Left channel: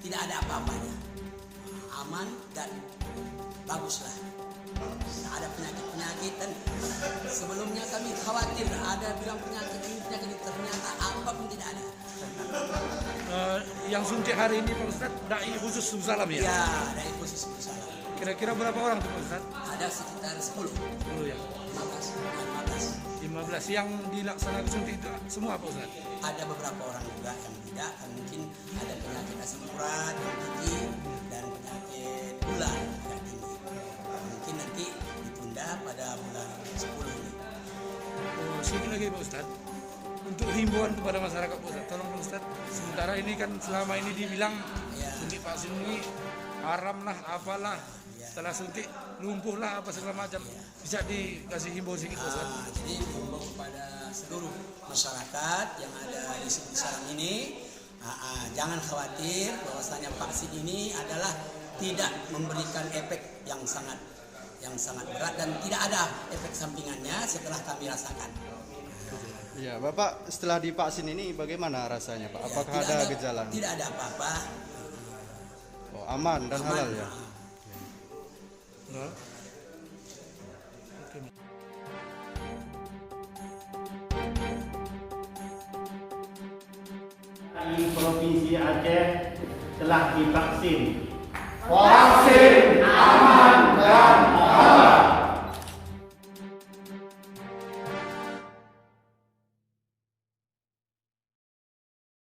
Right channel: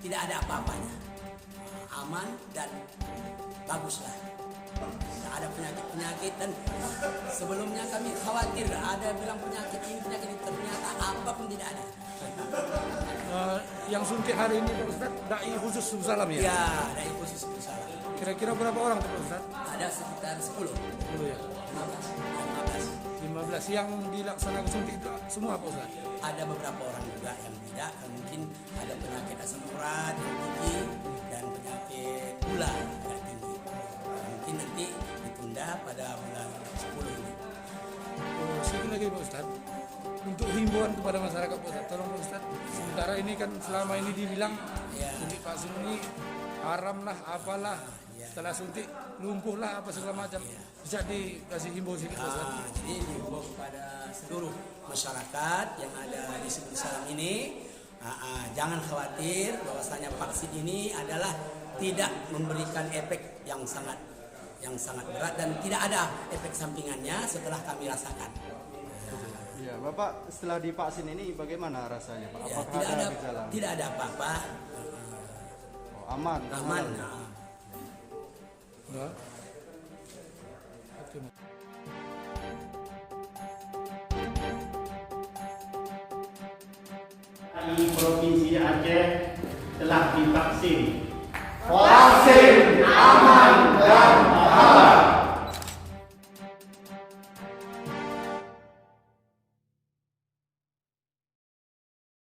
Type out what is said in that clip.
tidak ada apa-apanya, aman dan baguslah. Tidak ada penyakit-penyakit, dan sebelumnya kami khawatir ada bilang penyakit ini, ternyata apa pun tidak ada. Yang suntik hari ini Pak Ustadz, dai khusus Salam ya? Ya, dari khusus Salam. Kira-kira berapa orang tuh Pak Ustadz? Ada sekitar 10. 10 ya? 15. 15 yang dilaksanakan suntik itu semua Pak Ustadz? Ada beberapa orang juga yang tidak, kan mungkin ada penyakit asam urat yang tinggi dan penyakit gula yang tinggi. Mungkin nanti ditunda pada bulan 10 ini. Oh, sedikit lagi Pak Ustadz, untuk himbauan kepada masyarakat Pak Ustadz, tolong Pak Ustadz, sementara ini kan selama ini dibilang suntik vaksin ini haram lah, apalah, setelah suntik lumpuh lah, apa segala macam, bisa dikasih himbau sedikit Pak Ustadz? Jadi himbau kepada seluruh masyarakat yang ada di Salam ini, jangan khawatir bahwasanya vaksin ini adalah tidak memberikan efek yang sangat berat dan tidak ada efek sampingannya setelah kami rasakan. Ya, Bapak setelah divaksin ini bagaimana rasanya Pak? Apakah ada gejala? Tidak ada apa-apa. Oh, aman dan halal ya? Enggak. Oke. Di Provinsi Aceh telah divaksin